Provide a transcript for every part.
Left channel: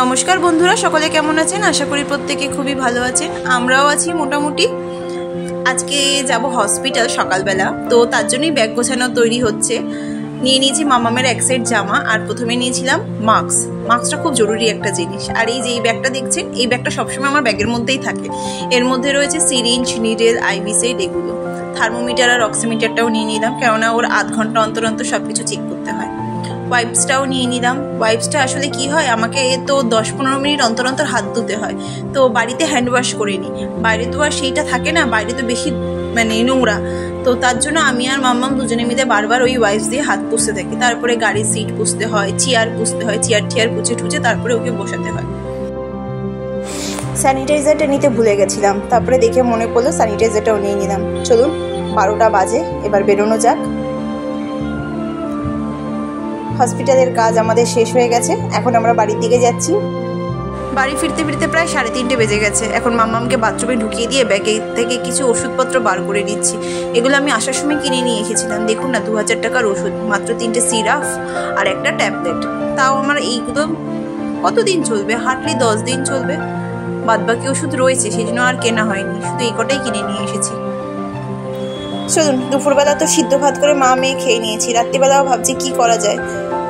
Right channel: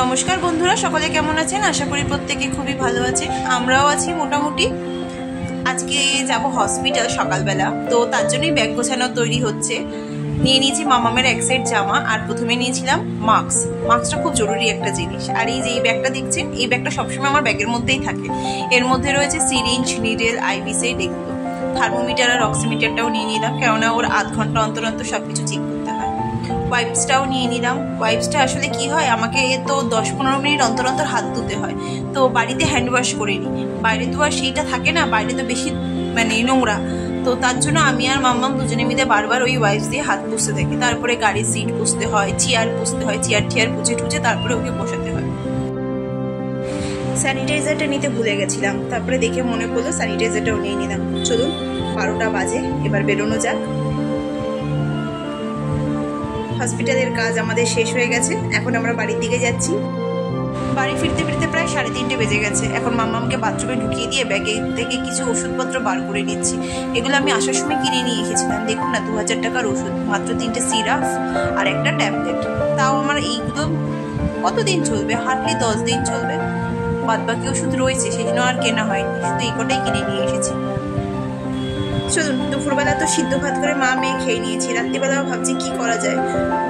নমস্কার বন্ধুরা, সকলে কেমন আছেন? আশা করি প্রত্যেকে খুবই ভালো আছেন। আমরাও আছি মোটামুটি। আজকে যাব হসপিটাল সকালবেলা, তো তার জন্যই ব্যাগ গোছানো তৈরি হচ্ছে। নিয়ে নিয়েছি মামামের এক সেট জামা, আর প্রথমে নিয়েছিলাম মাস্কটা খুব জরুরি একটা জিনিস। আর এই যে এই ব্যাগটা দেখছেন, এই ব্যাগটা সবসময় আমার ব্যাগের মধ্যেই থাকে। এর মধ্যে রয়েছে সিরিঞ্জ, নিডেল, আইভি সেট, এগুলো। থার্মোমিটার আর অক্সিমিটারটাও নিয়ে নিলাম, কেননা ওর আধ ঘন্টা অন্তর অন্তর সব কিছু চেক করতে হয়। ওয়াইপসটাও নিয়ে নিলাম। ওয়াইপসটা আসলে কি হয়, আমাকে তো 10-15 মিনিট অন্তর অন্তর হাত ধুতে হয়, তো বাড়িতে হ্যান্ড ওয়াশ করে নিই। বাইরে তো আর সেইটা থাকে না, বাইরে তো বেশি নোংরা, তো তার জন্য আমি আর মাম্মাম দুজনে মিলে বারবার ওই ওয়াইপস দিয়ে হাত পুষতে থাকি। তারপরে গাড়ির সিট পুষতে হয়, চেয়ার পুষতে হয়, চেয়ার পুছে টুচে তারপরে ওকে বসাতে হয়। স্যানিটাইজারটা নিতে ভুলে গেছিলাম, তারপরে দেখে মনে পড়লো স্যানিটাইজারটাও নিয়ে নিলাম। চলুন, 12টা বাজে, এবার বেরোনো যাক। হসপিটালের কাজ আমাদের শেষ হয়ে গেছে, এখন আমরা বাড়ির দিকে যাচ্ছি। বাড়ি ফিরতে ফিরতে প্রায় 3:30 বেজে গেছে। এখন মাম্মামকে বাথরুমে ঢুকিয়ে দিয়ে ব্যাগে থেকে কিছু ওষুধপত্র বার করে নিচ্ছি। এগুলো আমি আসার সময় কিনে নিয়ে এসেছিলাম। দেখুন না, 2000 টাকার ওষুধ, মাত্র 3টে সিরাপ আর একটা ট্যাবলেট। তাও আমার এইগুলো কতদিন চলবে? হার্ডলি 10 দিন চলবে। বাদবাকি ওষুধ রয়েছে, সেই জন্য আর কেনা হয়নি, শুধু এই কটাই কিনে নিয়ে এসেছি। চলুন, দুপুরবেলা তো সিদ্ধ ভাত করে মা মেয়ে খেয়ে নিয়েছি। রাত্রিবেলাও ভাবছি কি করা যায়,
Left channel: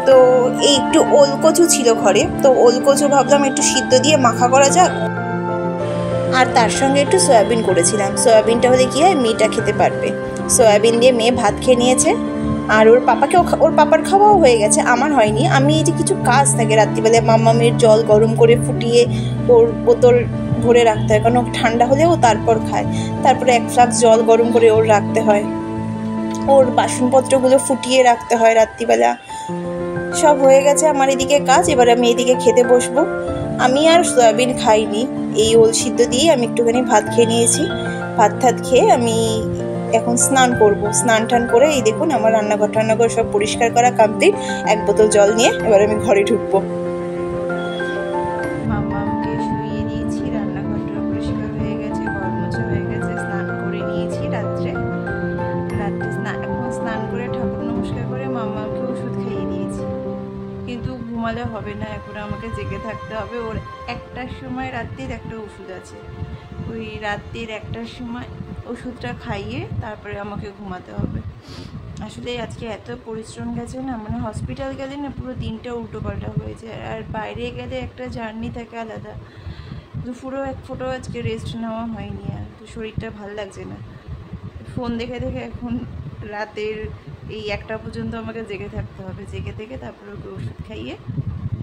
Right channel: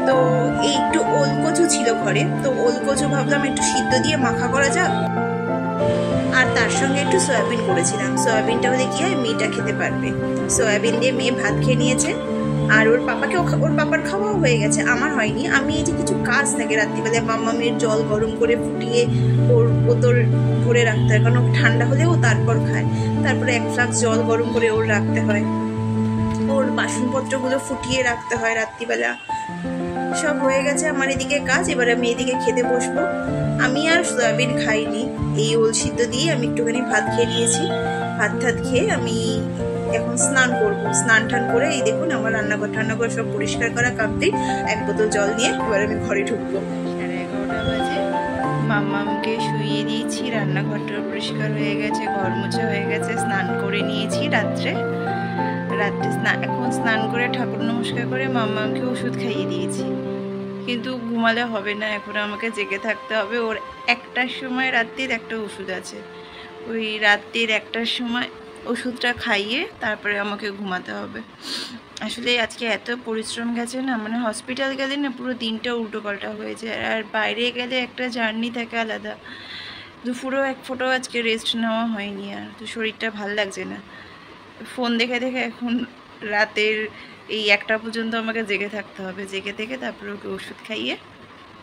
তো এই একটু ওলকচু ছিল ঘরে, তো ওলকচু ভাবলাম একটু সিদ্ধ দিয়ে মাখা করা যাক। আর তার সঙ্গে একটু সয়াবিন করেছিলাম। সয়াবিনটা হলে কি হয়, মেয়েটা খেতে পারবে। সয়াবিন দিয়ে মেয়ে ভাত খেয়ে নিয়েছে, আর ওর পাপার খাওয়াও হয়ে গেছে, আমার হয়নি। আমি এই যে কিছু কাজ থাকে রাত্রিবেলায়, মাম্মামের জল গরম করে ফুটিয়ে ওর বোতল ভরে রাখতে হয়, কারণ ঠান্ডা হলেও তারপর খায়। তারপরে 1 ফ্লাক্স জল গরম করে ওর রাখতে হয়, ওর বাসনপত্রগুলো ফুটিয়ে রাখতে হয় রাত্রিবেলা। সব হয়ে গেছে আমার এদিকে কাজ। এবার আমি এদিকে খেতে বসবো। আমি আর সয়াবিন খাইনি, এই ওল সিদ্ধ দিয়ে আমি একটুখানি ভাত খেয়ে নিয়েছি। ভাত খেয়ে আমি এখন স্নান করব। স্নান টান করে এই দেখুন আমার রান্নাঘর সব পরিষ্কার করা কমপ্লিট। 1 বোতল জল নিয়ে এবার আমি ঘরে ঢুকবো। 11:30 বাজে, মাম্মামকে শুইয়ে দিয়েছি, রান্নাঘরটা পরিষ্কার হয়ে গেছে, ঘর মোছা হয়ে গেছে, স্নান করে নিয়েছি রাত্রে এখন স্নান করে ঠাকুর নমস্কার করে মাম্মামকে ওষুধ খাইয়ে দিয়েছি। কিন্তু ঘুমালে হবে না, এখন আমাকে জেগে থাকতে হবে। ওর 1টার সময় রাত্রির একটা ওষুধ আছে, ওই রাত্রির 1টার সময় ওষুধটা খাইয়ে তারপরে আমাকে ঘুমাতে হবে। আসলে আজকে এত পরিশ্রম গেছে না, মানে হসপিটাল গেলে না পুরো দিনটা উল্টোপাল্টা হয়ে যায়, আর বাইরে গেলে একটা জার্নি থাকে আলাদা। দুপুরেও 1 ফোঁটাও আজকে রেস্ট নেওয়া হয়নি, আর তো শরীরটা ভাল লাগছে না। ফোন দেখে এখন রাতের এই 1টা পর্যন্ত আমাকে জেগে থাকতে হবে। জেগে থেকে তারপরে ওকে ওষুধ খাইয়ে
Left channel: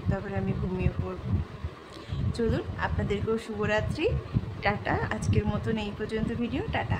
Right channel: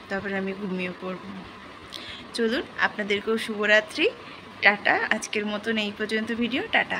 তারপরে আমি ঘুমিয়ে পড়ব। চলুন, আপনাদেরকেও শুভরাত্রি, টাটা। আজকের মতন এই পর্যন্ত ভিডিও, টাটা।